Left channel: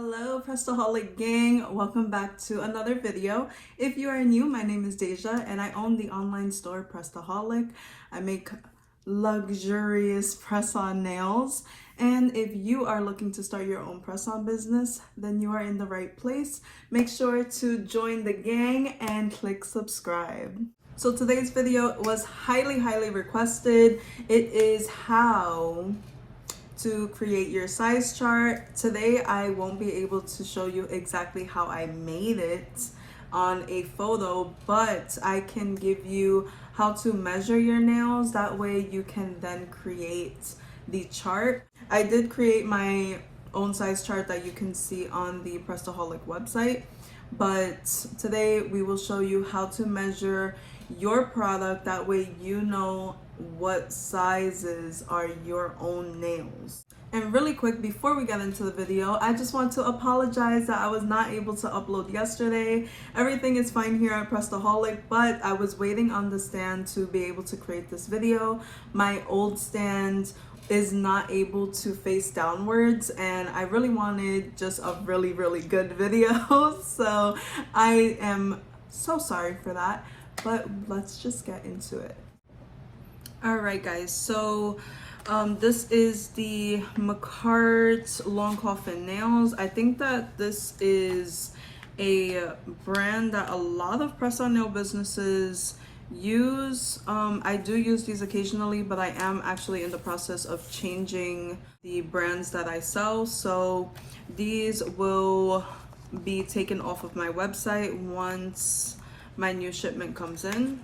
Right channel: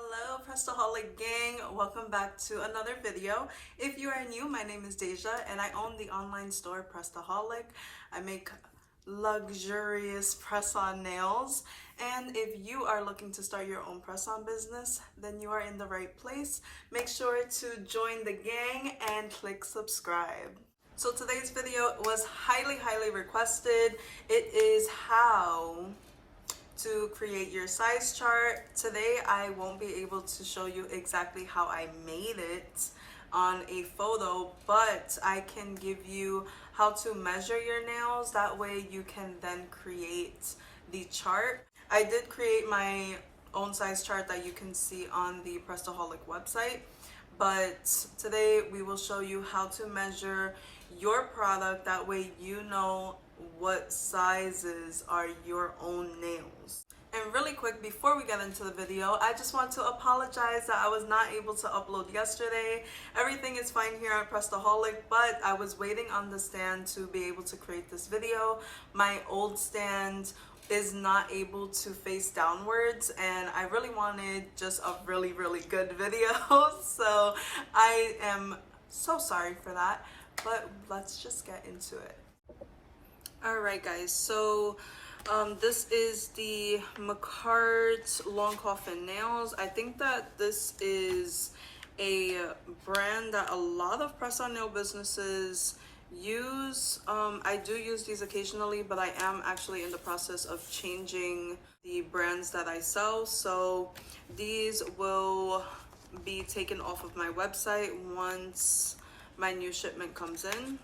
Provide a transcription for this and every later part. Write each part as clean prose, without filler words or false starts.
Hello Pressedaholic gang, welcome back to another video. If you are new, my name is Deja and I own the online store Pressedaholic. I make luxurious press-on nails, and if you are looking to start your own press-on business, then you are in the right place. Make sure to join the gang and click subscribe. So today's video was highly requested. It is how to create your size chart. Today I won't be able to show you exactly how I made it on a photo, but I can give you how to measure your nails. That way you can then create the chart. I did create my own size chart that you can see on the Pressedaholic website, but today we will show you how to measure your product. That way you know what sizes are your own nails. And really quick, before we get into the video, I just want to apologize that I was not able to upload yesterday. Everything is fine here at Pressedaholic, but I was waiting on the stand to be able to create this video. My old stand is not able to face downwards, and I really wanted just a really good video. So I am so sorry for that, but let's just get into it. Alright guys, so this is the McCart Long Coffin Nails. I think that this is a brand that a lot of press-on nail businesses use. I do use these occasionally, but I am actually in the process of changing the brands that I sell. So these will be taken off of my website once my new shipment comes in.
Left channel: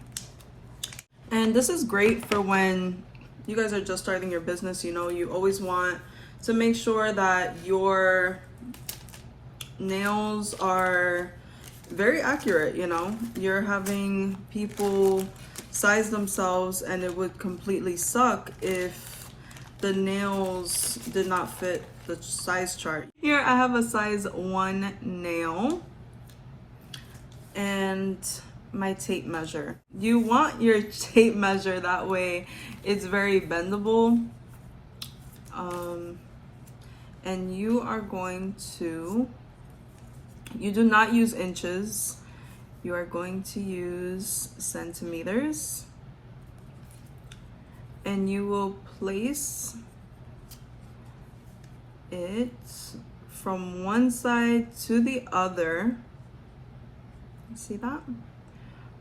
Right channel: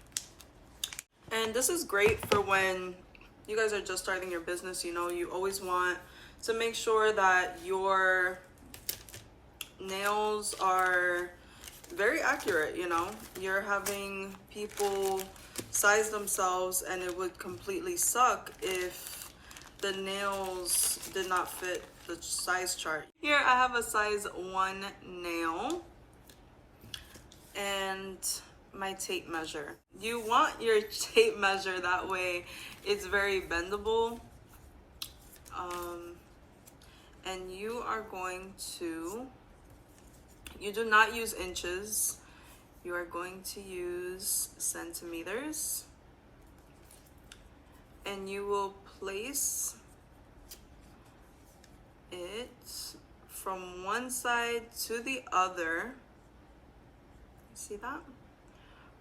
And this is great for when you guys are just starting your business. You know, you always want to make sure that your nails are very accurate. You know, you're having people size themselves, and it would completely suck if the nails did not fit the size chart. Here I have a size 1 nail and my tape measure. You want your tape measure, that way it's very bendable. And you are going to, you do not use inches, you are going to use centimeters, and you will place it from one side to the other. See that?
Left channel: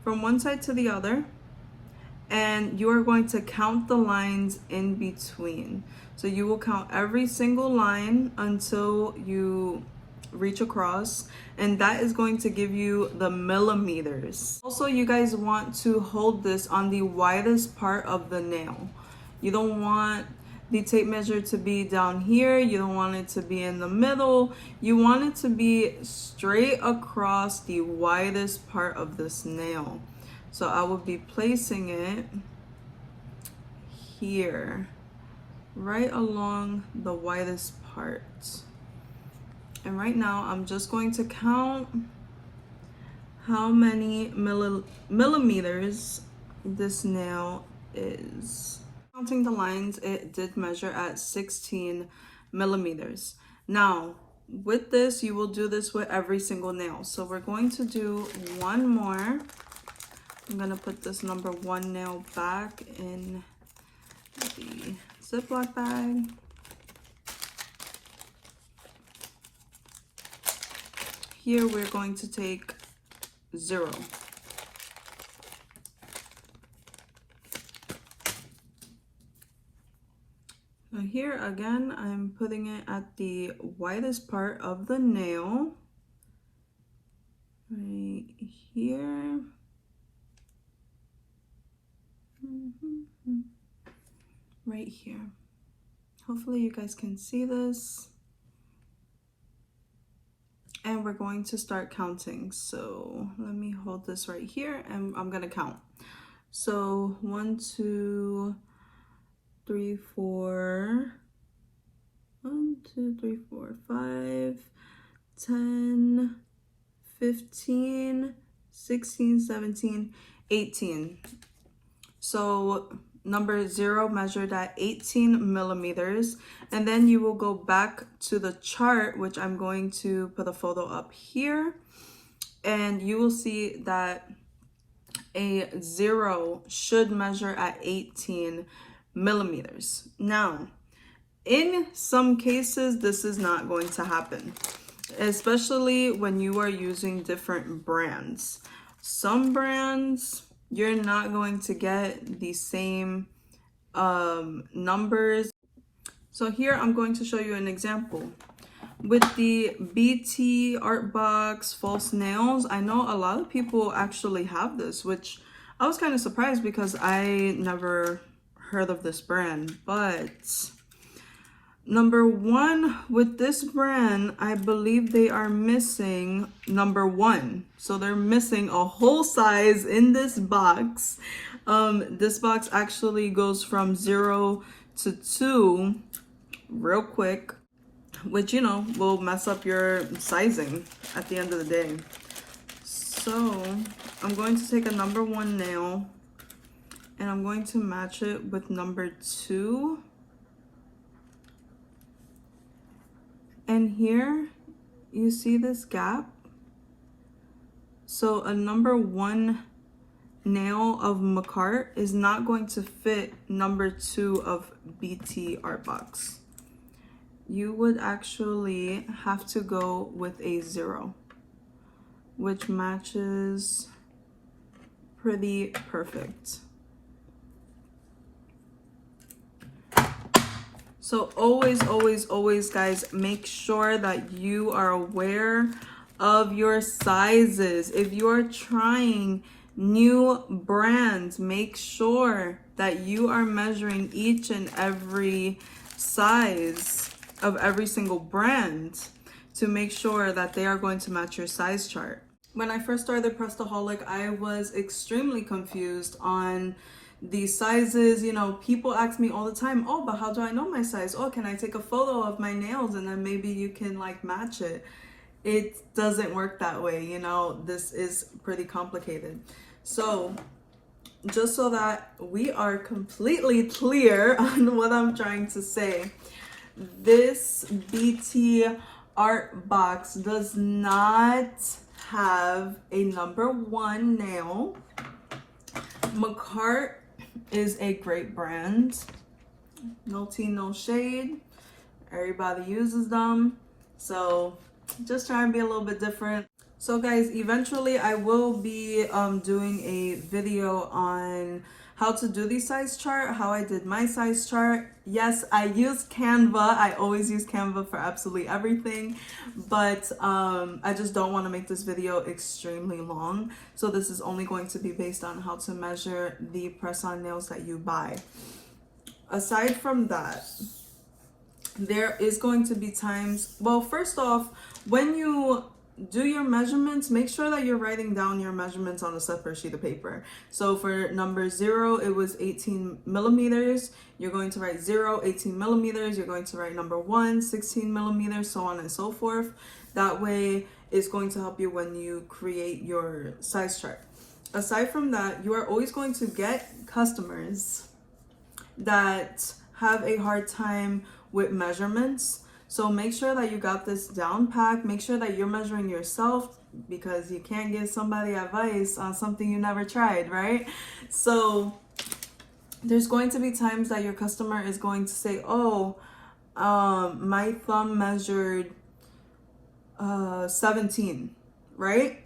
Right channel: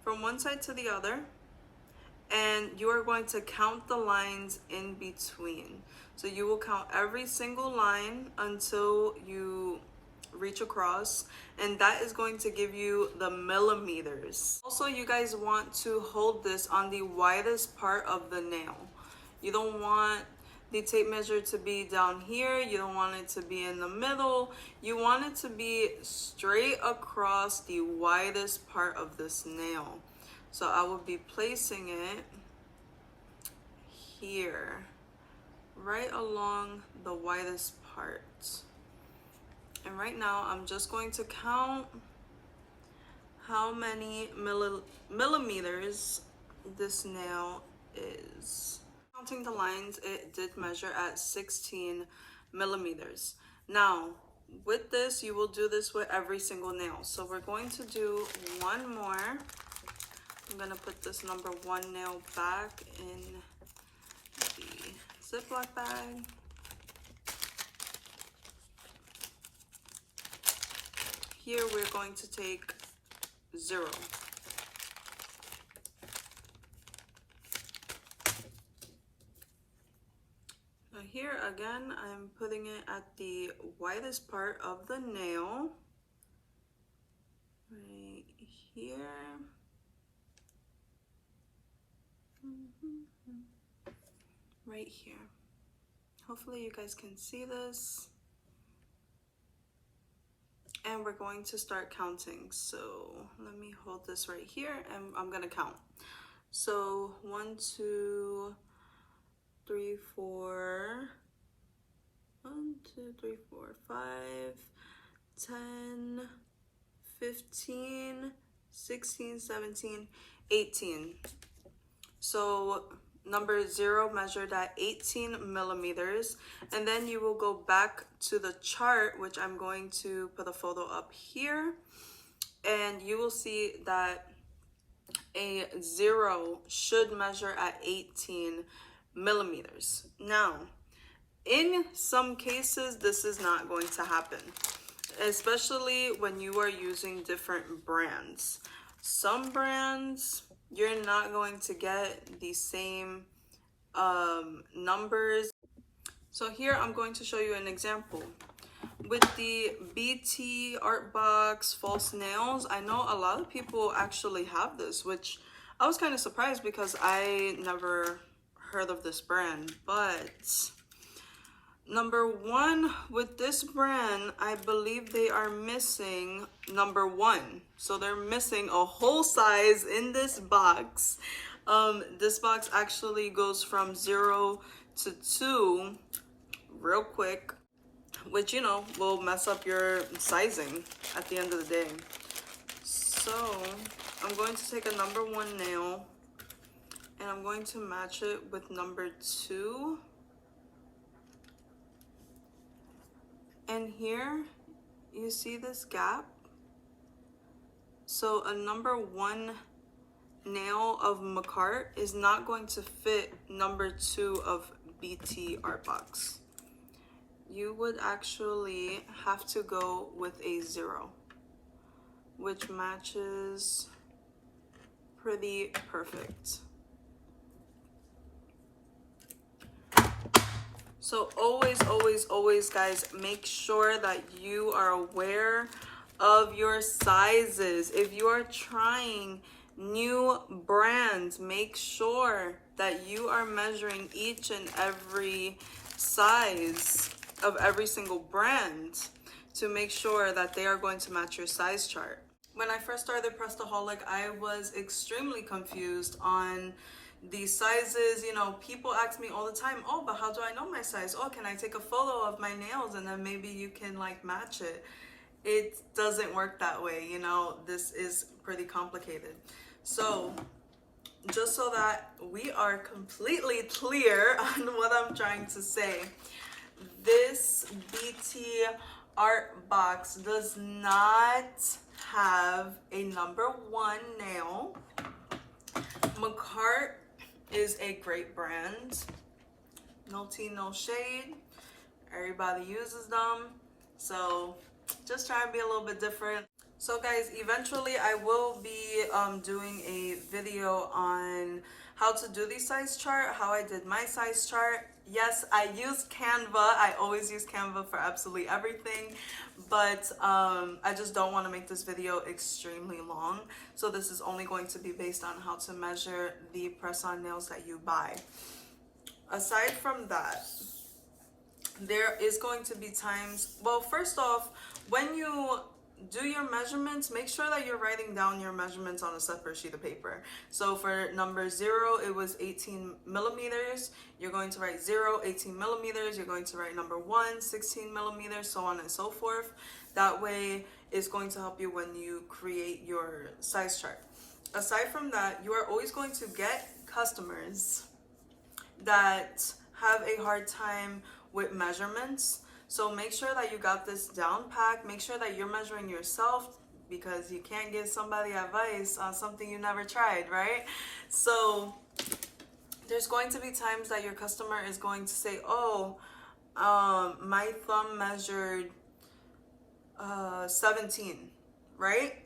From one side to the other, and you are going to count the lines in between. So you will count every single line until you reach across, and that is going to give you the millimeters. Also, you guys want to hold this on the widest part of the nail. You don't want the tape measure to be down here. You don't want it to be in the middle. You want it to be straight across the widest part of this nail. So I will be placing it here, right along the widest part. And right now I'm just going to count how many millimeters this nail is. Counting the lines, it did measure at 16 millimeters. Now, with this, you will do this with every single nail. So we're going to do one more. I'm gonna put this number 1 nail back in the Ziploc bag. Here we're going to take 0. Now here again, I'm putting it at the widest part of the nail, right here. Right here. Hopefully you guys can see this. And we're going to start counting. So let me hold this right here and I'm gonna count. So 1, 2, 3, 4, 1, 2, 3, 4, 5, 10, 15, 16, 17, 18. So number 0 measured at 18 millimeters, and then you will go back to the chart, which I'm going to put a photo up here, and you will see that a 0 should measure at 18 millimeters. Now, in some cases, this is not going to happen, especially when you are using different brands. Some brands, you're not going to get the same numbers. So here I'm going to show you an example. With the BT Art Box false nails, I know a lot of people actually have this, which I was kind of surprised because I never heard of this brand. But number 1, with this brand, I believe they are missing number 1. So they're missing a whole size in this box. This box actually goes from 0 to 2 real quick, which, you know, will mess up your sizing at the end of the day. So I'm going to take a number 1 nail and I'm going to match it with number 2. And here you see this gap. So a number 1 nail of McCart is not going to fit number 2 of BT Art Box. You would actually have to go with a 0, which matches pretty perfect. So always, guys, make sure that you are aware of your sizes. If you're trying new brands, make sure that you are measuring each and every size of every single brand to make sure that they are going to match your size chart. When I first started Pressedaholic, I was extremely confused on the sizes. You know, people ask me all the time, oh, but how do I know my size? Oh, can I take a photo of my nails and then maybe you can like match it? It doesn't work that way, you know. This is pretty complicated. So just so that we are completely clear on what I'm trying to say, this BT Art Box does not have a number 1 nail. McCart is a great brand. No tea, no shade. Everybody uses them. So just try and be a little bit different. So guys, eventually I will be doing a video on how to do the size chart, how I did my size chart. Yes, I use Canva. I always use Canva for absolutely everything, but I just don't want to make this video extremely long. So this is only going to be based on how to measure the press-on nails that you buy. Aside from that, there is going to be times, well, first off, when you do your measurements, make sure that you're writing down your measurements on a separate sheet of paper. So for number 0, it was 18 millimeters. You're going to write 0, 18 millimeters. You're going to write number 1, 16 millimeters, so on and so forth. That way, it's going to help you when you create your size chart. Aside from that, you are always going to get customers that have a hard time with measurements. So make sure that you got this down packed. Make sure that you're measuring yourself, because you can't give somebody advice on something you never tried, right? So there's going to be times that your customer is going to say, oh, my thumb measured 17, right?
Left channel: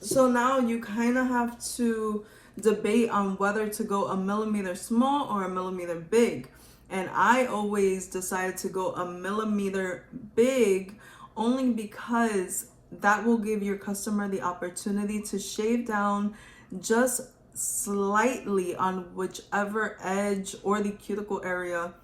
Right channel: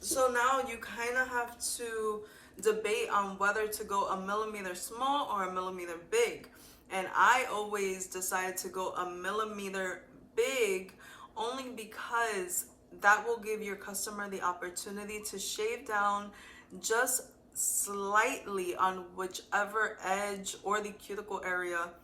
So now you kind of have to debate on whether to go a millimeter small or a millimeter big. And I always decide to go a millimeter big, only because that will give your customer the opportunity to shave down just slightly on whichever edge or the cuticle area.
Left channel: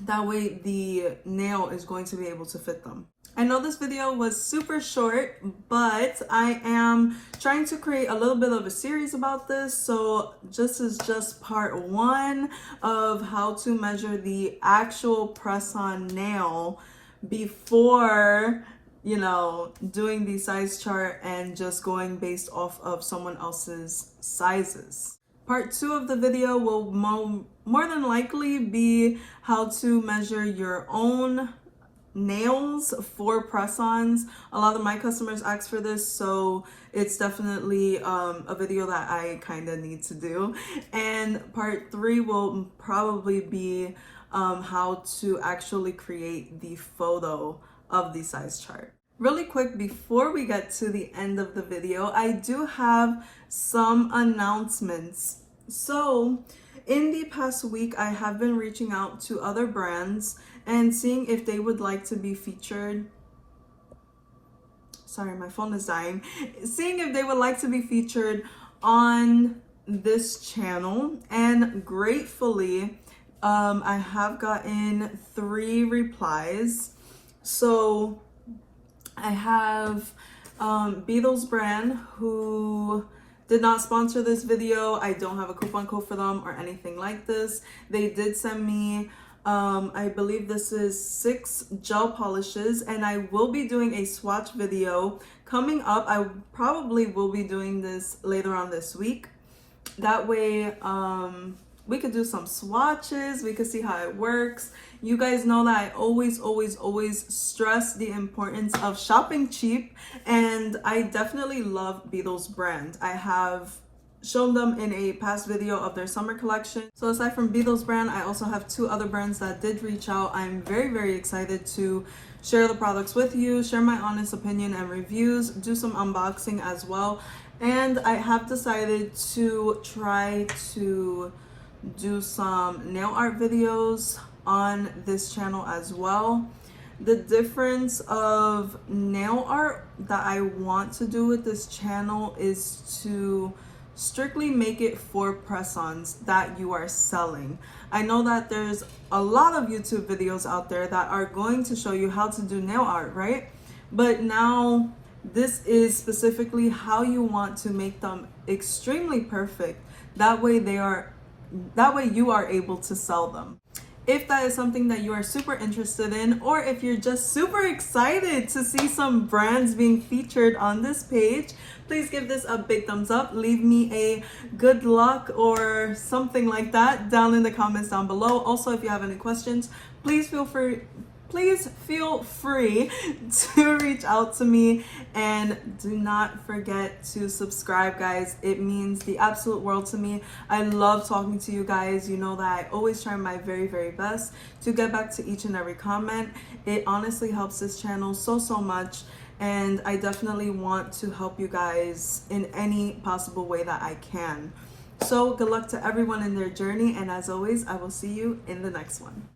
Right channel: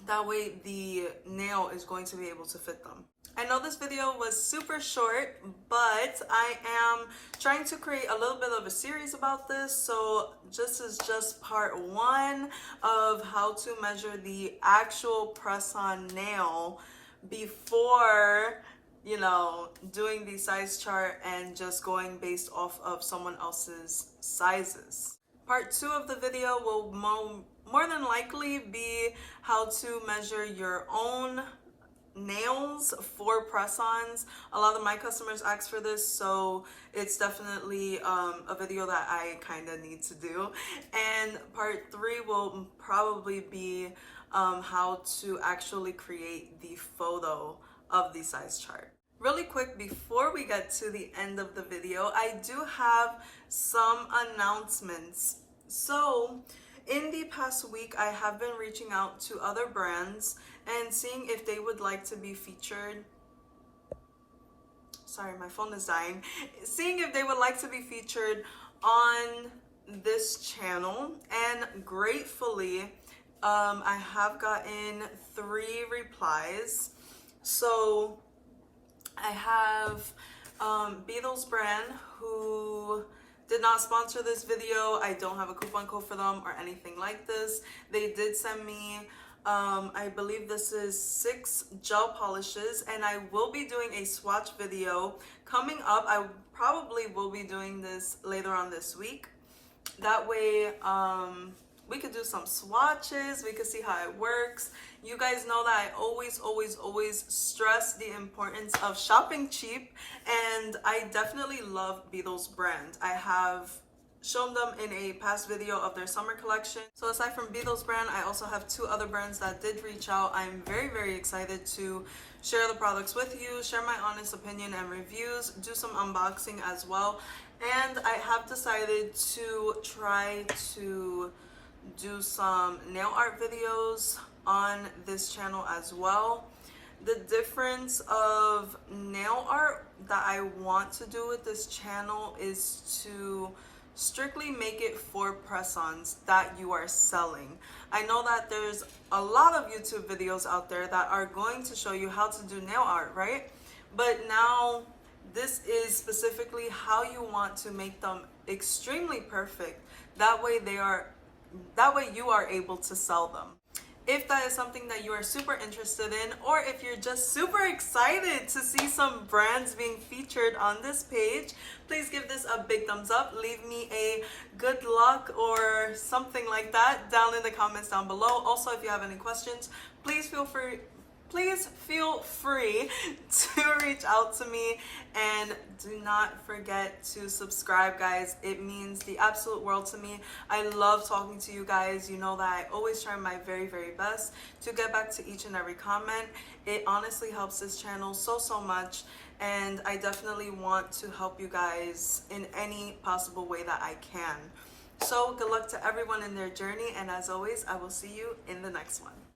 That way the nail is going to be able to fit them. I know this video was super short, but I am trying to create a little bit of a series about this. So this is just part 1 of how to measure the actual press-on nail before, you know, doing the size chart and just going based off of someone else's sizes. Part 2 of the video will more than likely be how to measure your own nails for press-ons. A lot of my customers ask for this, so it's definitely a video that I kind of need to do. And part 3 will probably be how to actually create the photo of the size chart. Really quick, before we get to the end of the video, I do have some announcements. So in the past week, I have been reaching out to other brands and seeing if they would like to be featured. Sorry, my phone is dying. Seeing if they would like to be featured on this channel, and gratefully, I have gotten 3 replies. So I have Beetles brand, who did not sponsor this video. I don't have a coupon code for them or anything like this. They did send me I believe this is 6 gel polishes, and I will be doing a swatch video coming up. I probably will be doing this later on this week. That way we could do some swatches, we could see how it works. You guys know that I always stress the importance of shopping cheap, and I definitely love Beetles brand. I have shown them in a past video of their summer collection. So aside from Beetles brand, I also have 2 other brands that did reach out. I'm very excited to share the products with you, share my honest opinion and reviews, do some unboxing as well. And I have decided to try to do some nail art videos on this channel as well. The difference of nail art that I want to do with this channel is to strictly make it for press-ons that you are selling. I know that there's a lot of YouTube videos out there that are going to show you how to do nail art, right? But now this is specifically how you want to make them extremely perfect. That way you are able to sell them. If that is something that you are super interested in, or if you're just super excited to see some brands being featured on this page, please give this a big thumbs up. Leave me a good luck or something like that down in the comments down below. Also, if you have any questions, please feel free to reach out to me, and do not forget to subscribe, guys. It means the absolute world to me. I love talking to you guys. You know that I always try my very best to get back to each and every comment. It honestly helps this channel so much, and I definitely want to help you guys in any possible way that I can. So good luck to everyone in their journey, and as always, I will see you in the next one.